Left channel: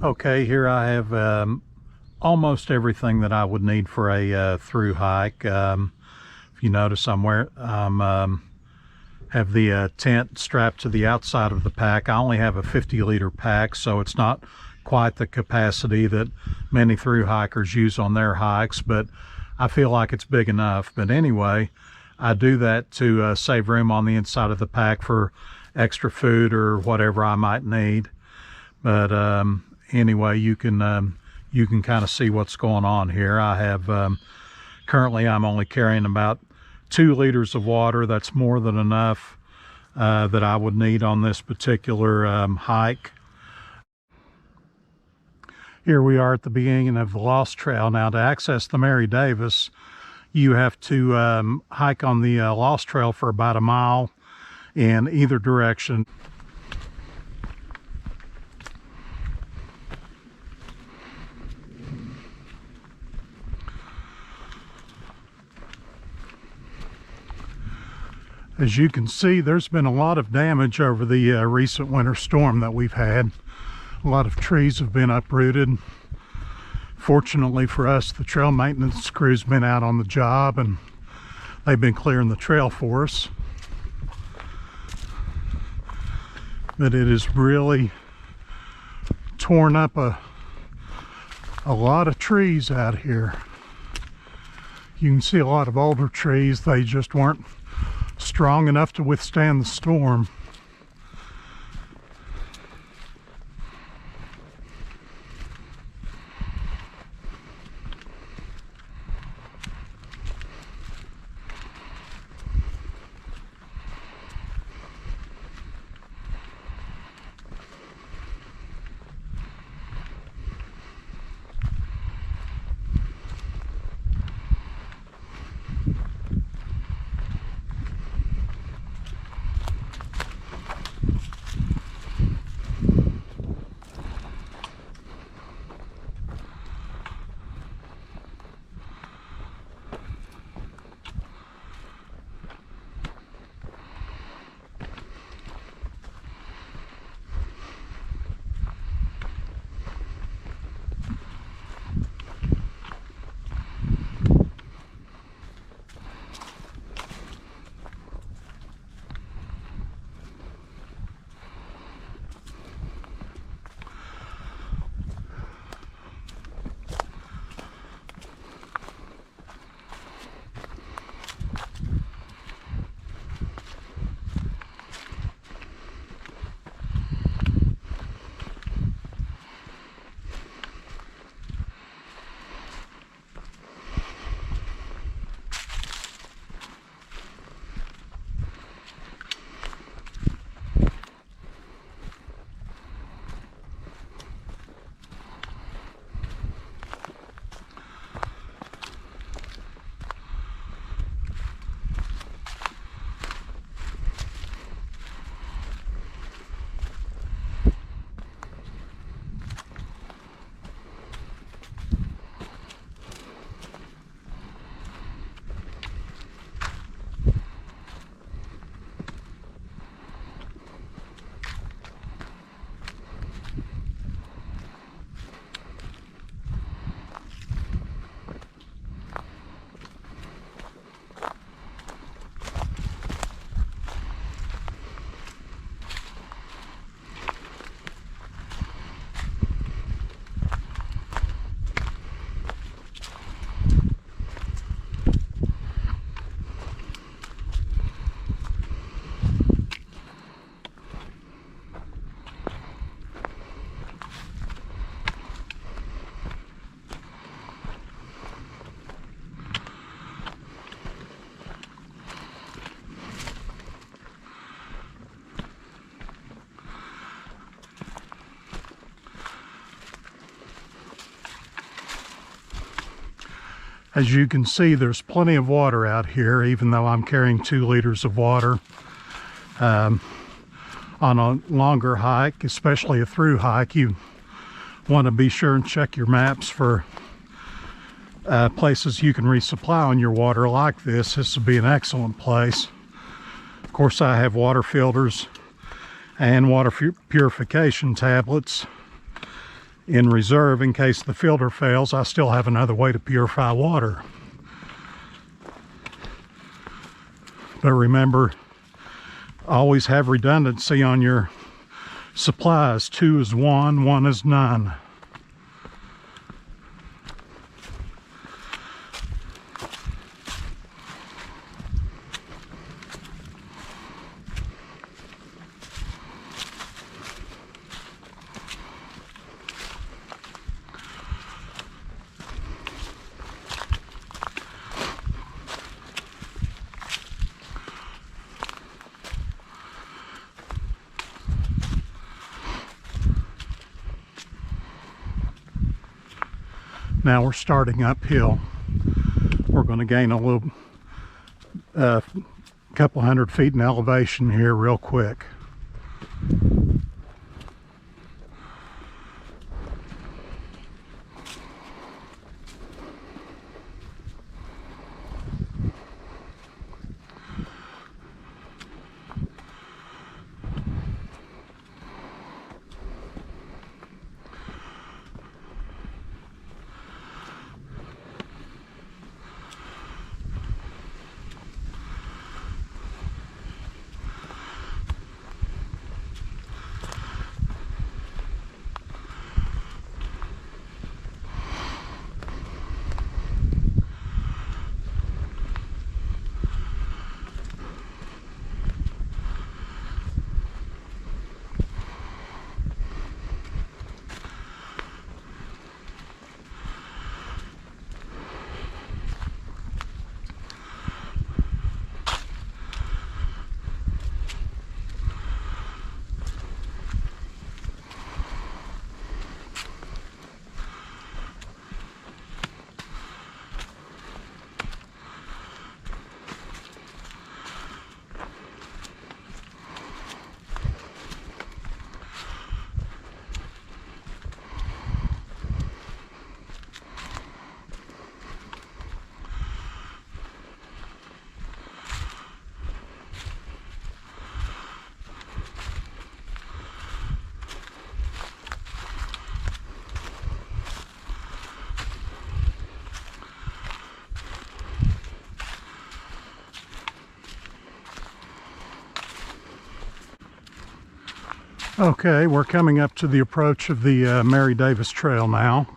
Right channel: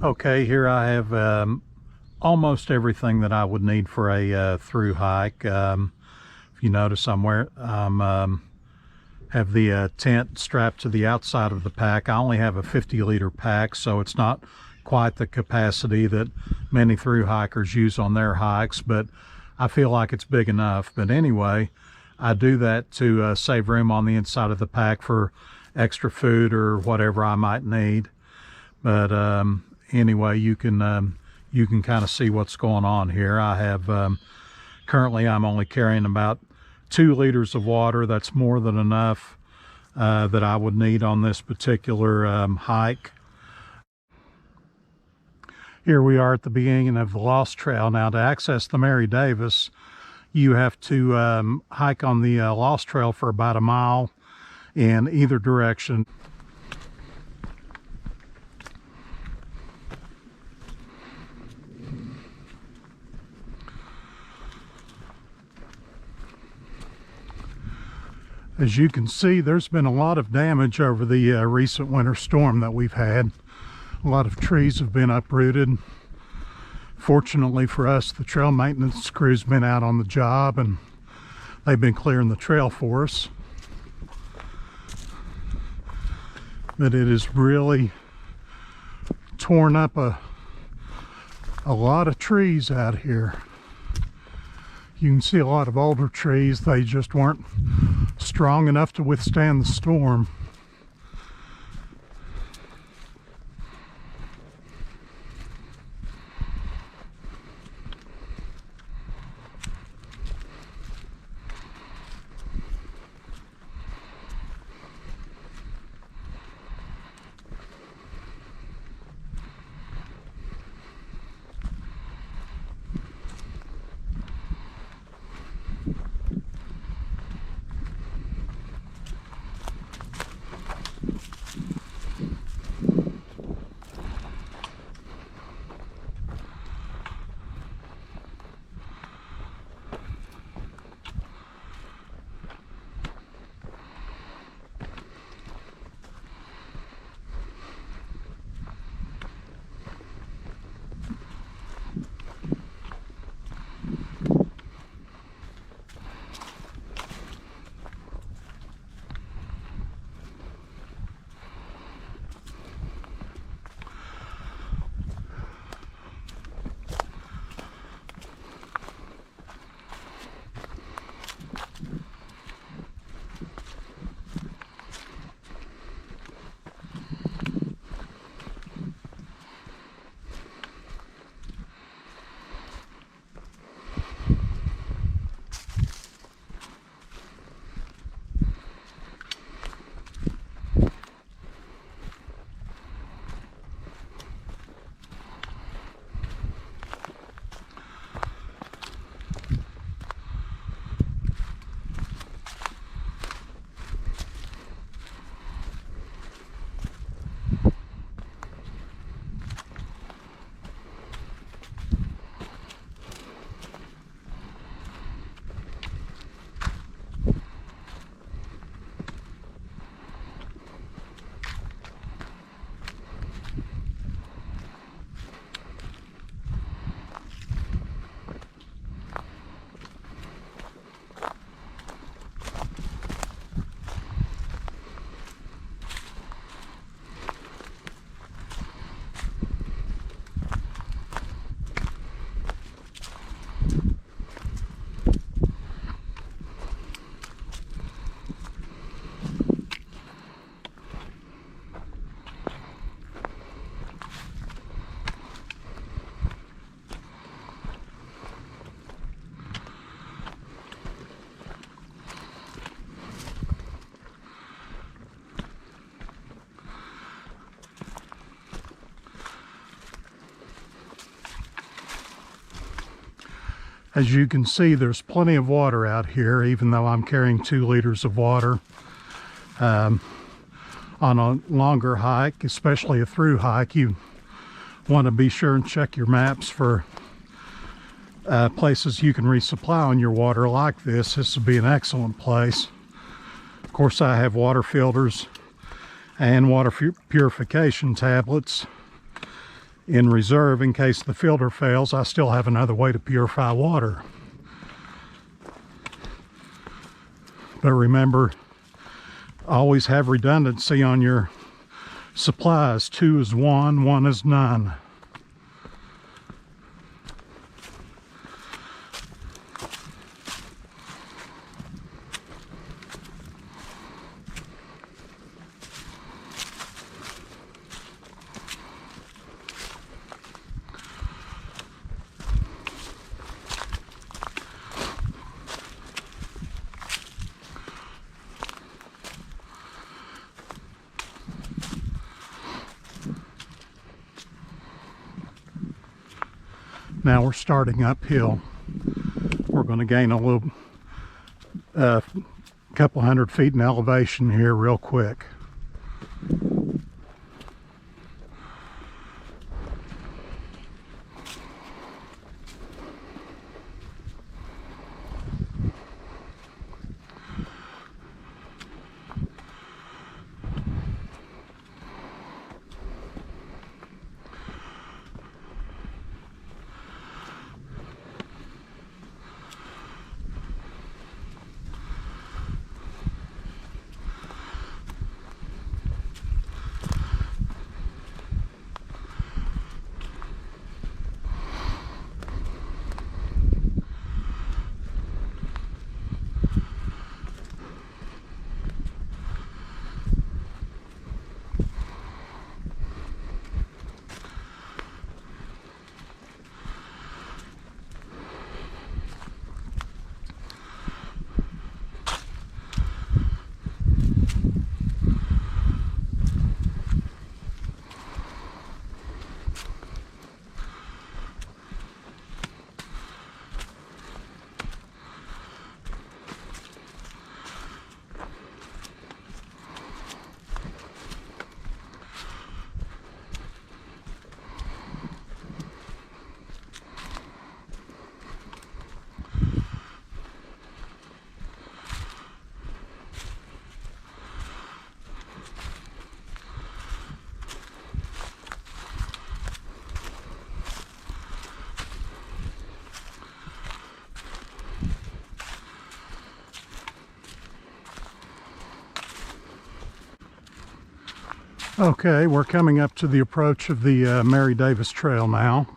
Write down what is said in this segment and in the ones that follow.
Okay, here I have almost everything that I would need for a through hike. If you notice, have the tent strapped to the outside of the pack. I only have a 50-liter pack, so it's not quite the capacity that many through hikers use on their hikes, but I feel like it's big enough. But anyway, I do that to save room on the inside of the pack for extra food or whatever I might need. But anyway, you can kind of see what's going on here. I have currently I'm only carrying about 2 liters of water. That's more than enough that I would need on this particular hike. Here we are at the beginning of the Lost Trail. Now, to access the Mary Davis, you have to hike on the Lost Trail for about a mile in either direction. As you can see, there's been a lot of damage over the recent winter storm that we've had. A lot of trees have been uprooted. Fortunately for us, the trail maintenance crew's been out on the job and they've been clearing the trail for us. But it has really torn up a lot of trees out here. You can see a lot of older trees. They just weren't strong enough to withstand the storm. As you can see, there's plenty of water out here, even though I'm carrying 2 liters of water. On a longer hike, especially a through hike, you want to be sure and check your maps for places you can resupply on your water like this. This would be an excellent place. Of course, I have water filters and water purification tablets in reserve in case the filter fails. I still have another way to purify water. But remember, always have redundancy on your supplies. 2 is 1, 1 is none. Now we're starting uphill. We're going to gain a little couple hundred feet in elevation here real quick. Okay, we're coming up to the approach of the Mary Davis Trail now.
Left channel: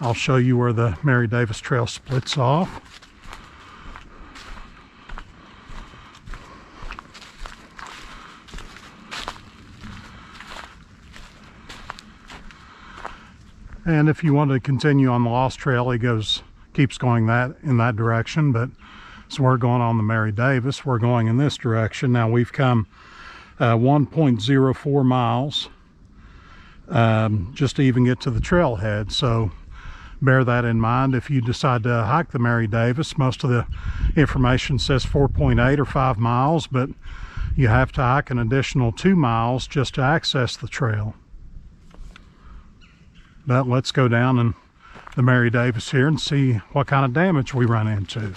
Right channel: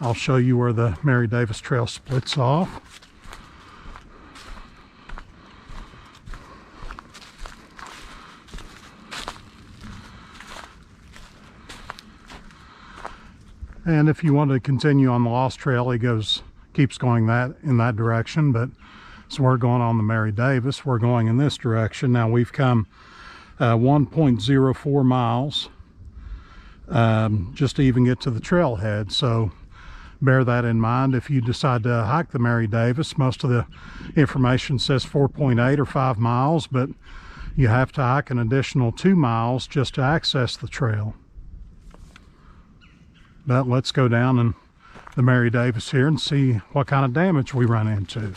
I'll show you where the Mary Davis Trail splits off. And if you want to continue on the Lost Trail, it keeps going in that direction. But so we're going on the Mary Davis. We're going in this direction. Now we've come 1.04 miles just to even get to the trailhead. So bear that in mind if you decide to hike the Mary Davis. Most of the information says 4.8 or 5 miles, but you have to hike an additional 2 miles just to access the trail. But let's go down in the Mary Davis here and see what kind of damage we run into.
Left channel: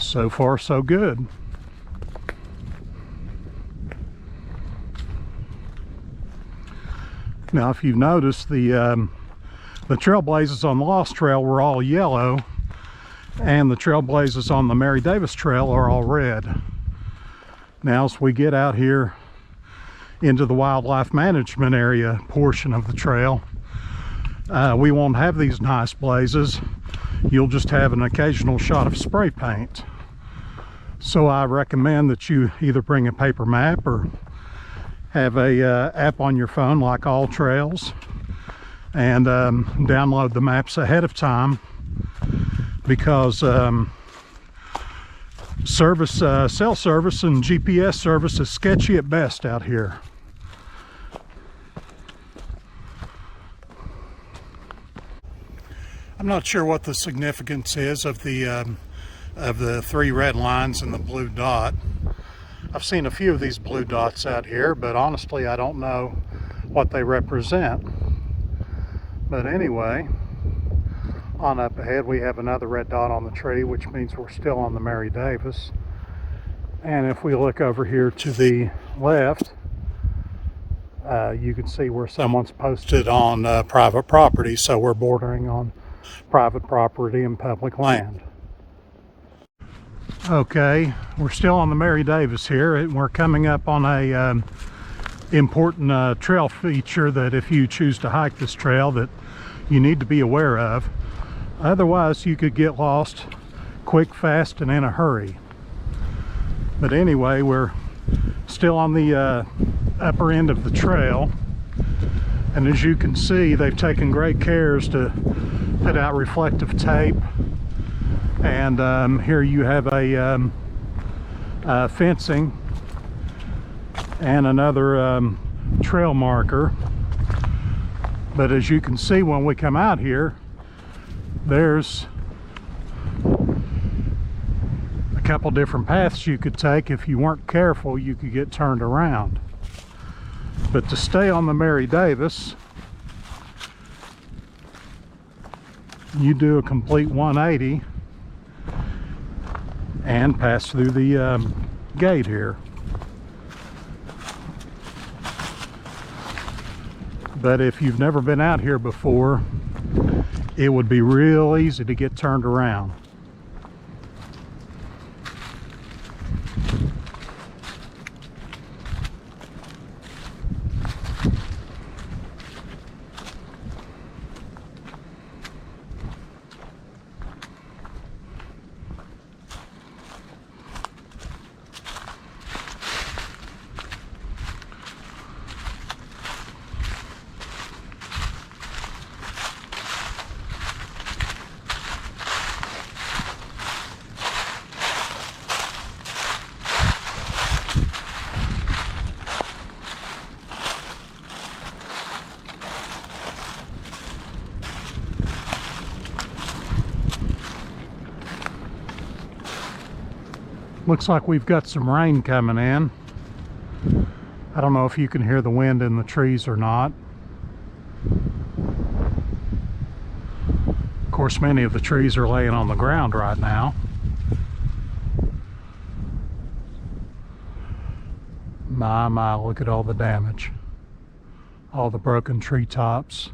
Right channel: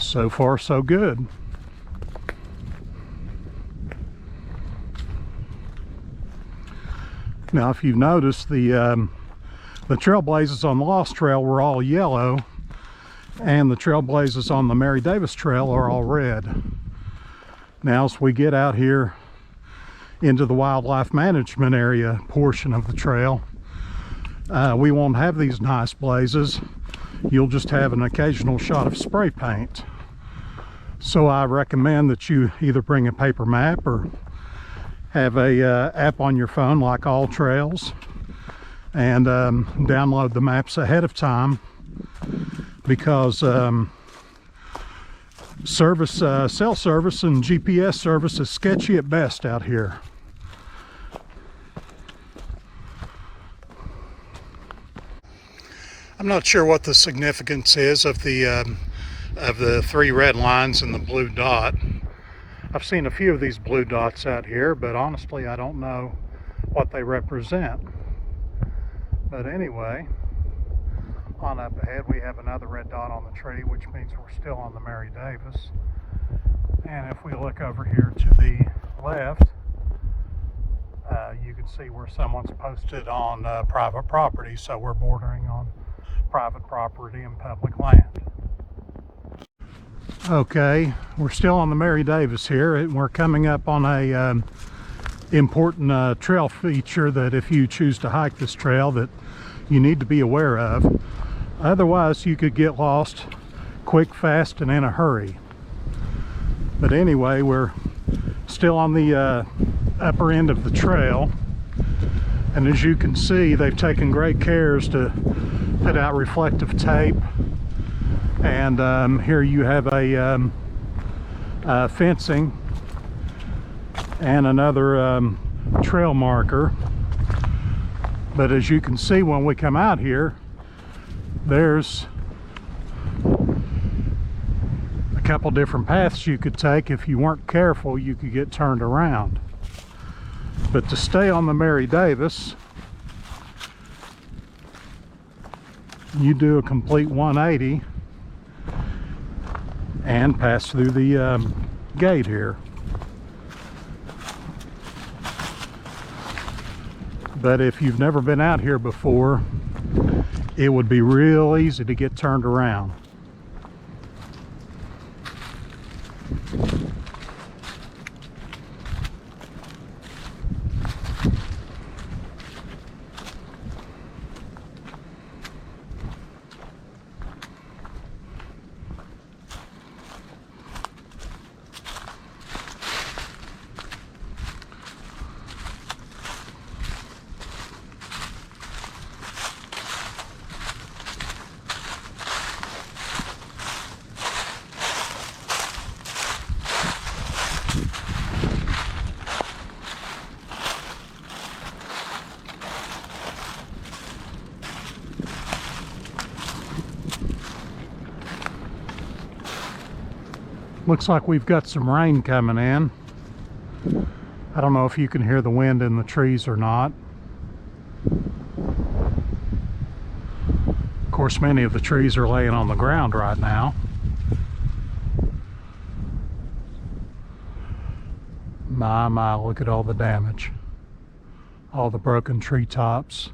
So far, so good. Now, if you've noticed, the trailblazes on the Lost Trail were all yellow, and the trailblazes on the Mary Davis Trail are all red. Now, as we get out here into the wildlife management area portion of the trail, we won't have these nice blazes. You'll just have an occasional shot of spray paint. So I recommend that you either bring a paper map or have a app on your phone like AllTrails, and download the maps ahead of time, because cell service and GPS service is sketchy at best out here. I'm not sure what the significance is of the three red lines and the blue dot. I've seen a few of these blue dots out here, but honestly I don't know what they represent. But anyway, on up ahead we have another red dot on the tree, which means we're still on the Mary Davis. And if we look over here to the left, you can see where someone's posted on private property, so we're bordering on private property and public land. Okay, we're still on the Mary Davis here, and we're coming up on a important trail feature that if you choose to hike this trail that you need to be aware of. Otherwise you could get lost quick, fast, and in a hurry. But anyway, we're still on the upper end of the trail, and as you can see, they've taken great cares to put out reflective tape. And here you have a fencing and another trail marker. But as you can see, when we come out here, there's a couple different paths you could take. If you weren't careful, you could get turned around. But to stay on the Mary Davis, you do a complete 180 and pass through the gate here. But if you've never been out here before, it would be real easy to get turned around. Looks like we've got some rain coming in. I don't know if you can hear the wind in the trees or not. Of course, many of the trees are laying on the ground right now. My, look at all the damage. All the broken treetops.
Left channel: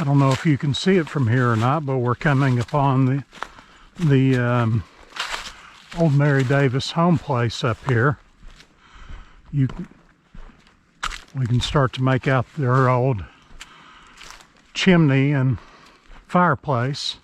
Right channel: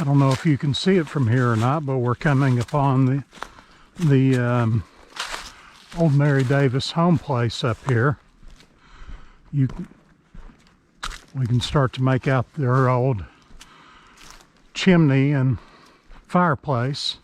I don't know if you can see it from here or not, but we're coming upon the old Mary Davis home place up here. We can start to make out their old chimney and fireplace.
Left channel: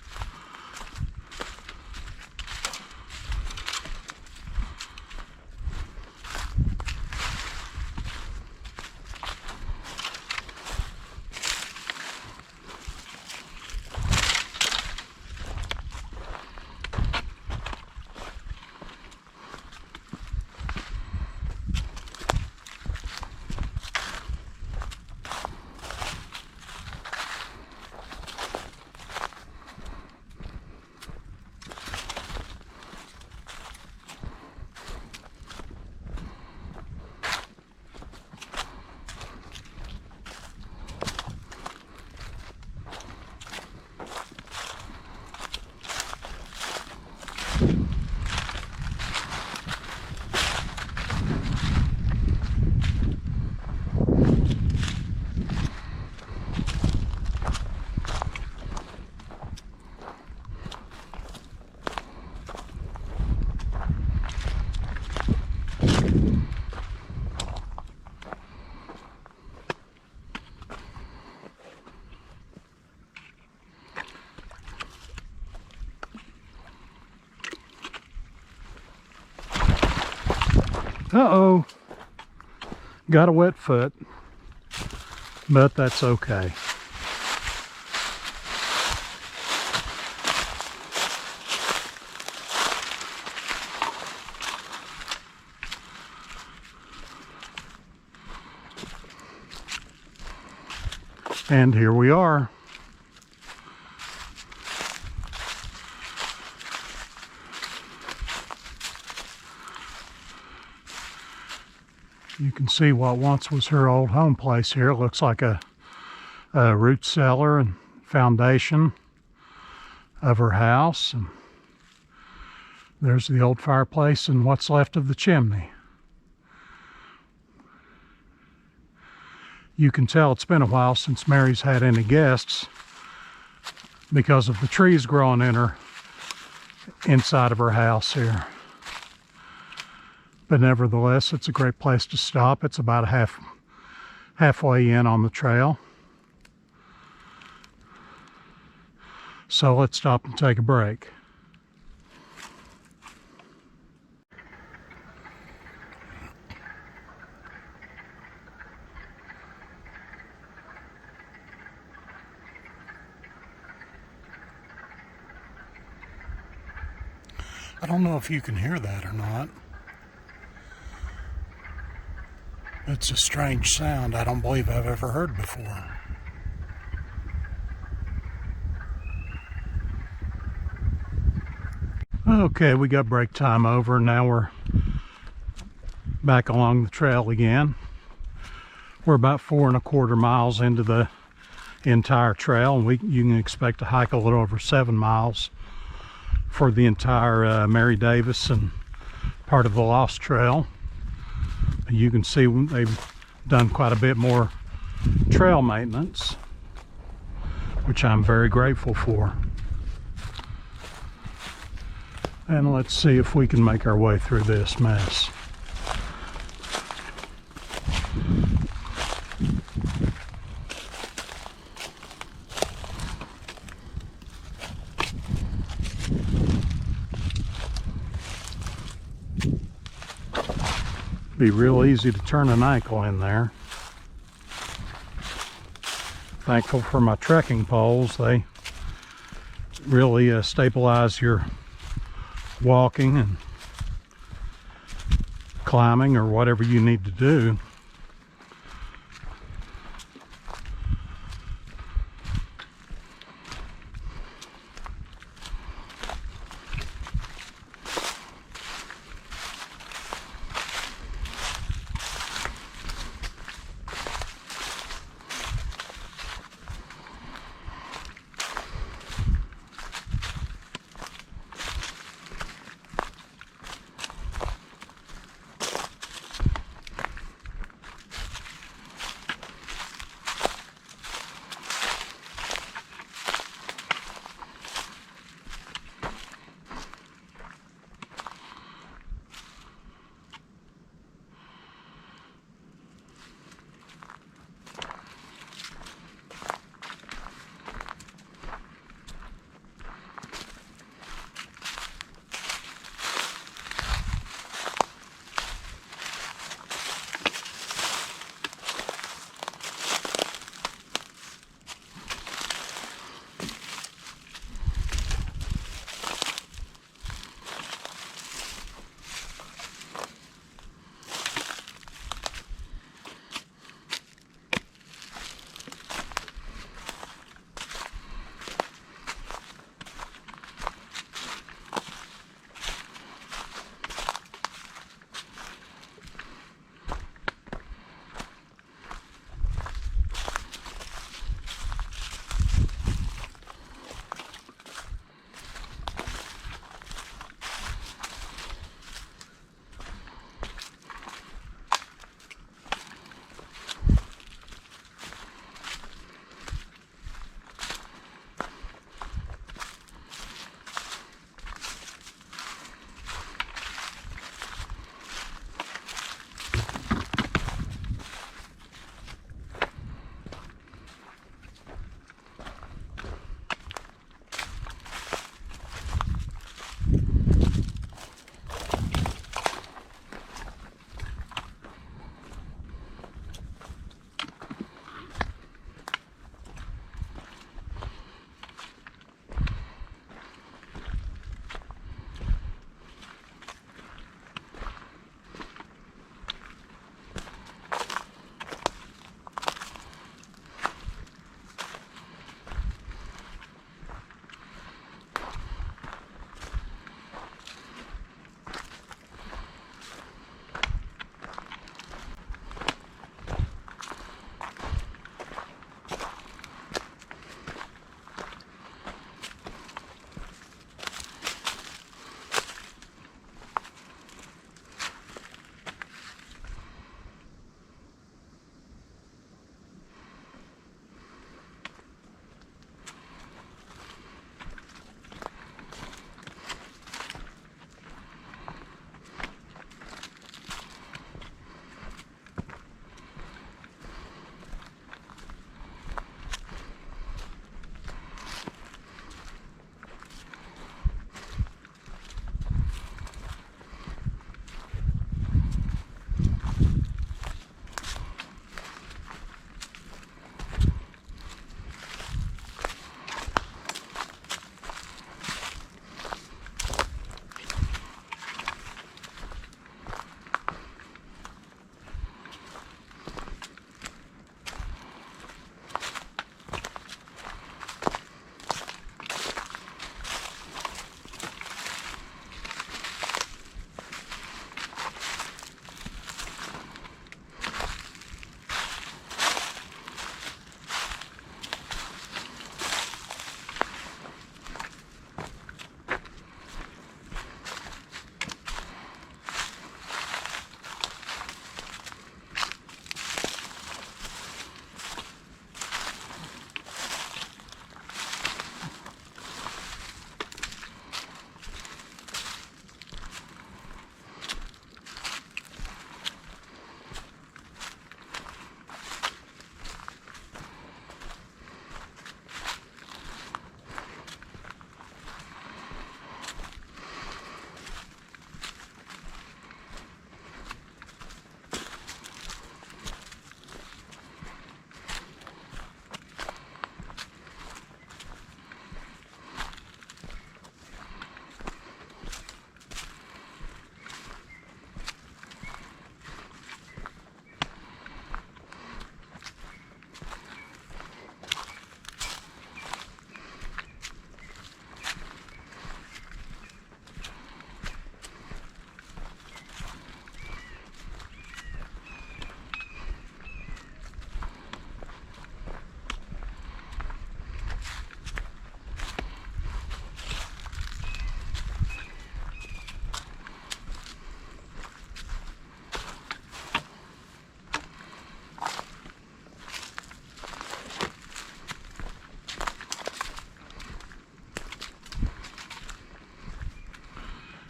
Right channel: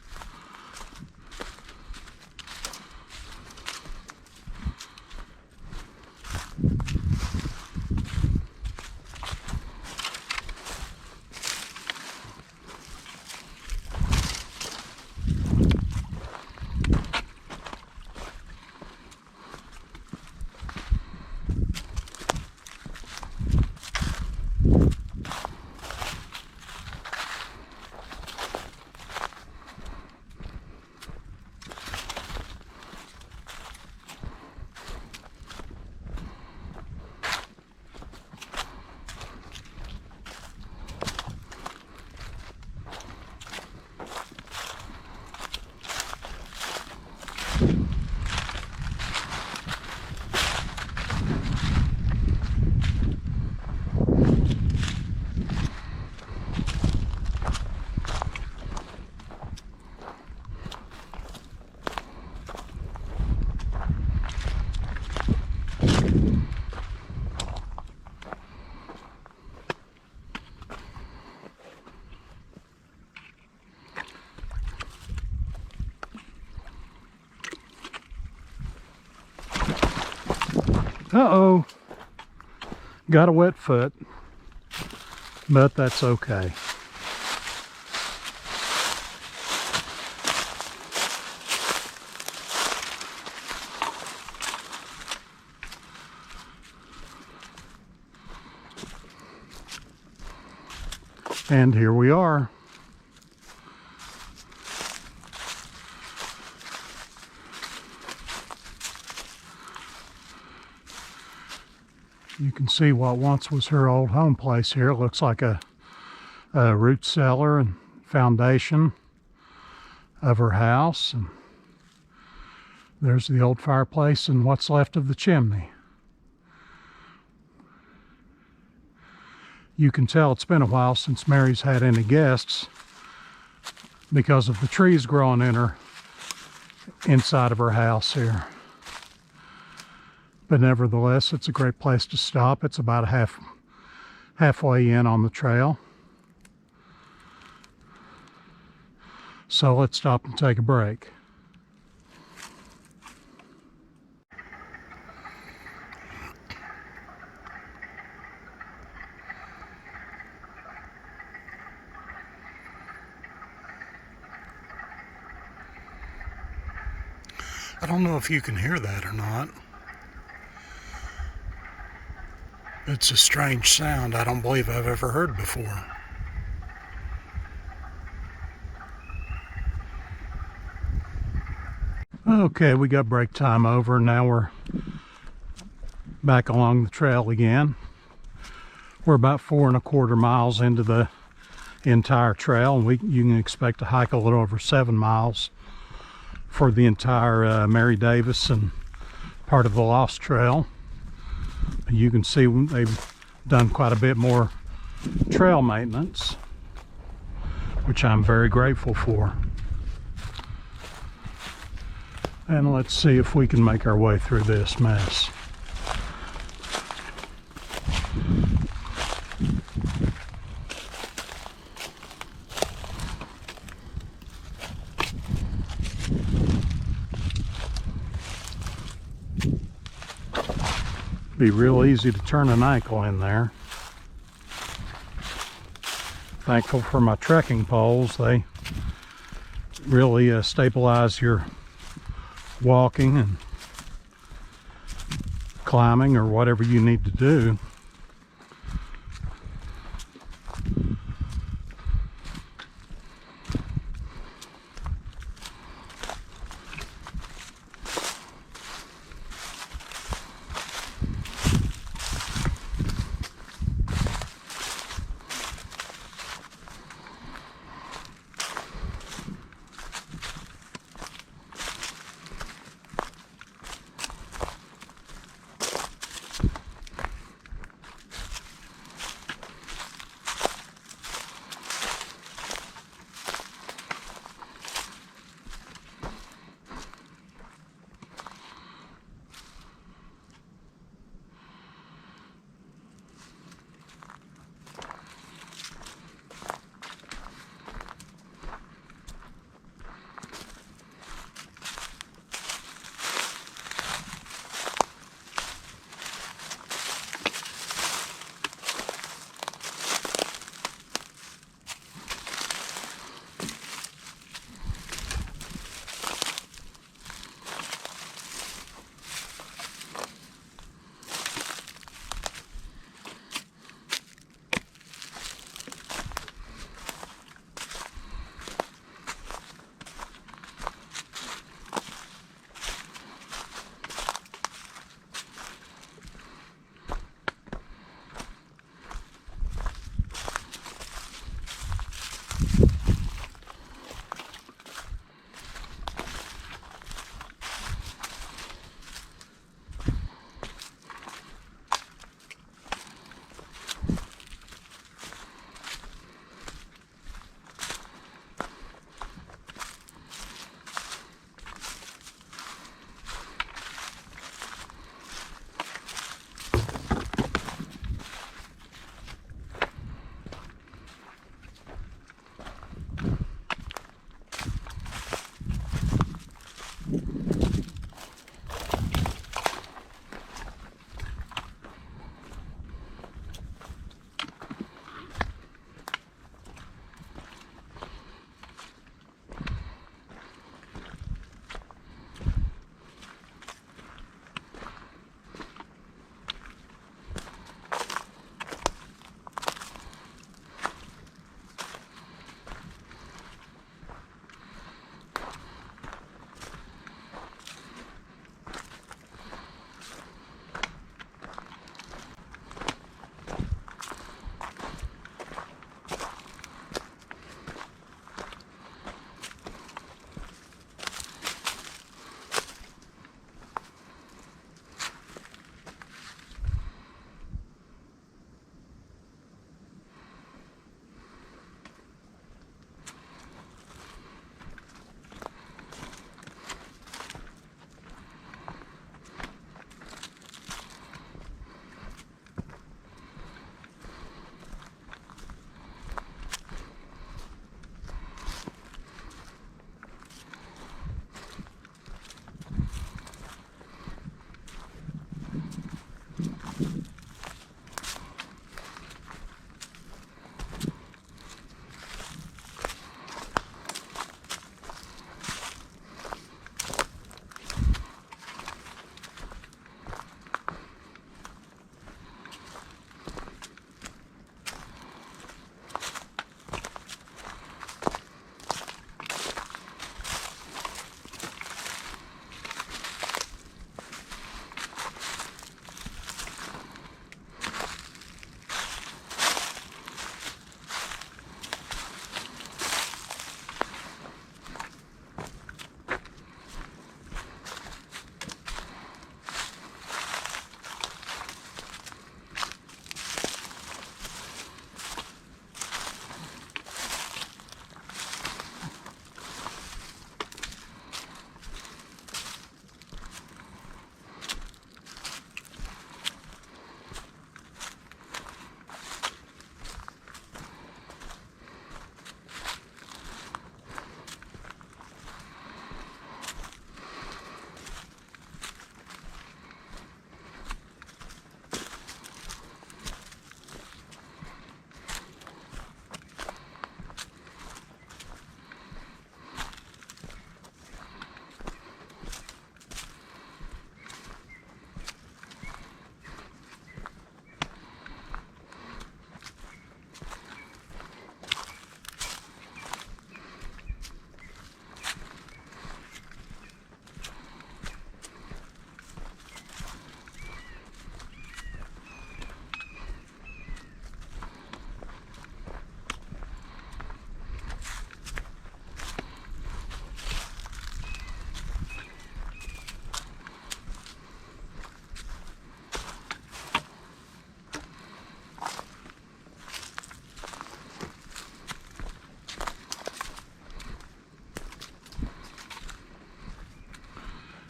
Uh-oh, got a wet foot, but that's okay. And here we are. You can see what once was her old home place here. It looks like a root cellar and foundation of her house. And there's the old fireplace and what's left of the chimney. You can tell it's been a while since Mary's had any guests because of the trees growing in her inside of her house here. But nevertheless, it's a great place to stop. It's about halfway in on the trail. So let's stop and take a break. I don't know if you can hear that or not. It's a strange sound I don't believe I've ever heard before. Okay, we got break time over. Now we're back along the trail again. We're about 4¼ miles into the entire trail, and you can expect to hike a little over 7 miles for the entire Mary Davis and part of the Lost Trail. You can see they've done quite a bit more trail maintenance, which I'm very grateful for. And let's see if we can make our way through this mess. Be real easy to turn an ankle in there. Thankful for my trekking poles. They really stabilize your walking and climbing or whatever you need to do.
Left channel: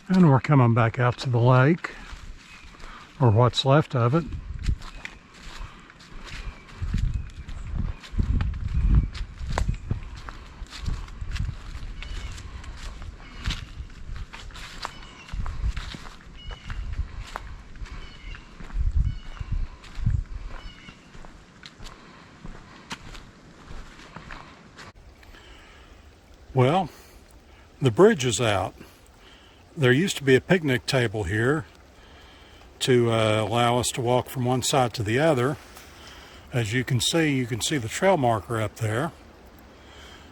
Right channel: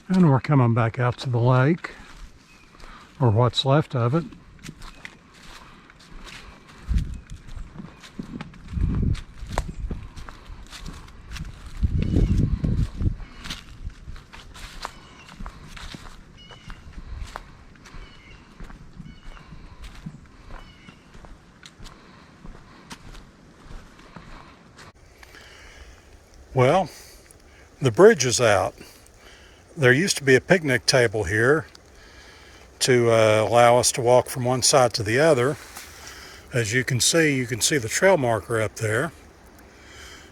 And we're coming back out to the lake, or what's left of it. Well, the bridge is out. There used to be a picnic table here to allow us to walk from one side to the other. As you can see the trail marker up there.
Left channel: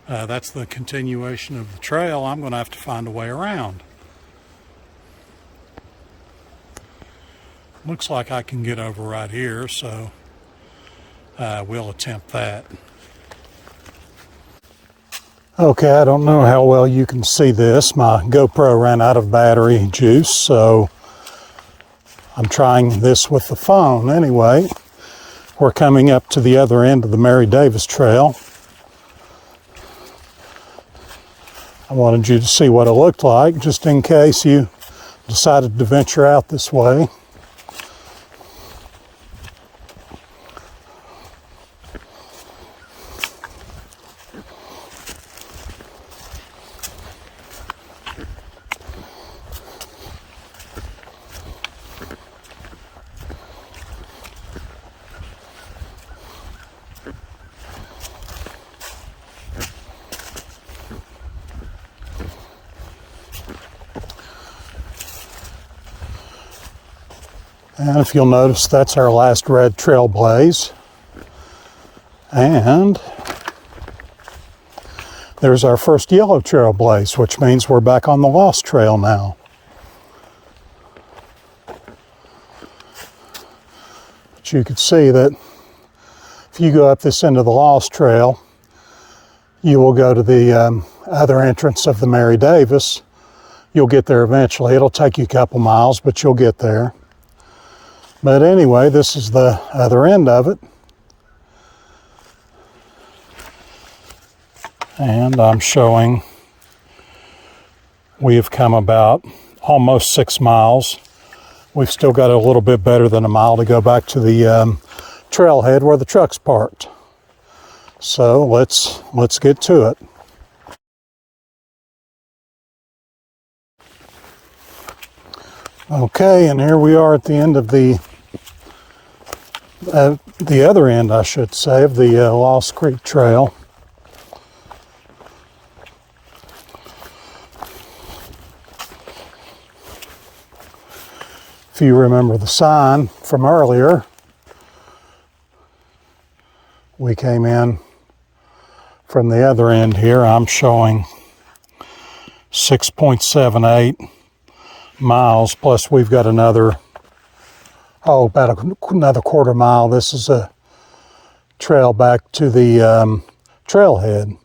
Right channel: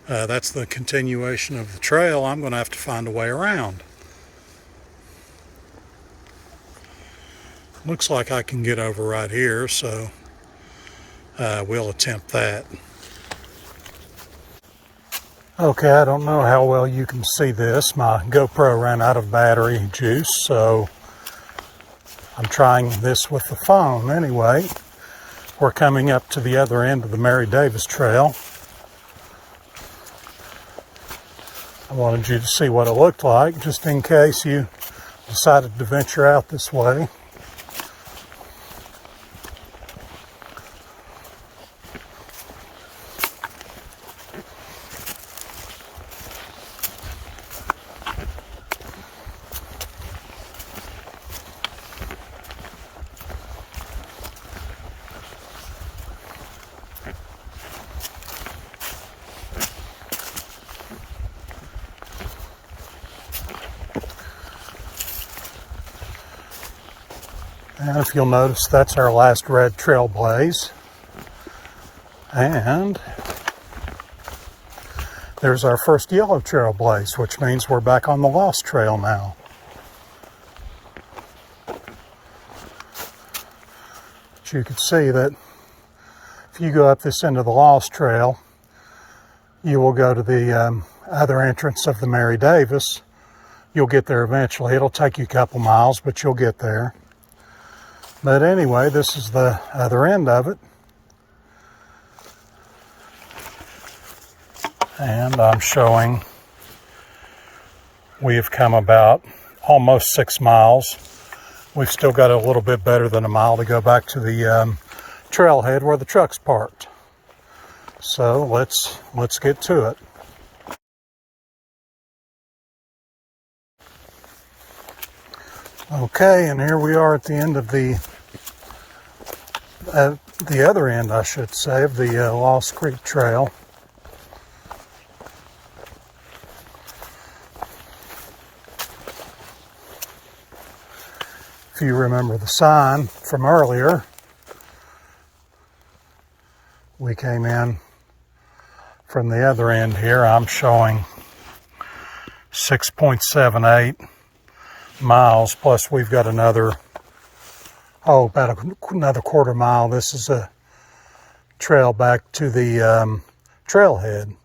That's the continuation of the trail. I'm going to have to find a way around. Looks like I can get over right here, so we'll attempt that. Okay, I don't know how well you can see this. My GoPro ran out of battery juice, so I'm trying this with the phone. Anyway, we're coming up to the other end of the Mary Davis Trail. I wanted you to see what it looked like, just in case you decided to venture out this way. And if you'll notice, that's our last red trail blaze. And there's our first yellow trail blaze, which means we're back on the Lost Trail now. But you can see that if you go up this end of the Lost Trail, you will go to the other entrance of the Mary Davis. You'll get there eventually. It'll take you a couple miles, but you'll get there. But anyway, this is the other end of it. And I'm showing we have come about almost 6 miles. We've still got a little bit better than a mile to go back to the trailhead where the truck's parked. So let's get to it. Okay, and here we are at the end of the other end, I should say, of the Lost Creek Trail. If you remember the sign from earlier, we came in from the other end here. I'm showing 6.78 miles, plus we've got another about another quarter mile. This is a trail back to the trailhead.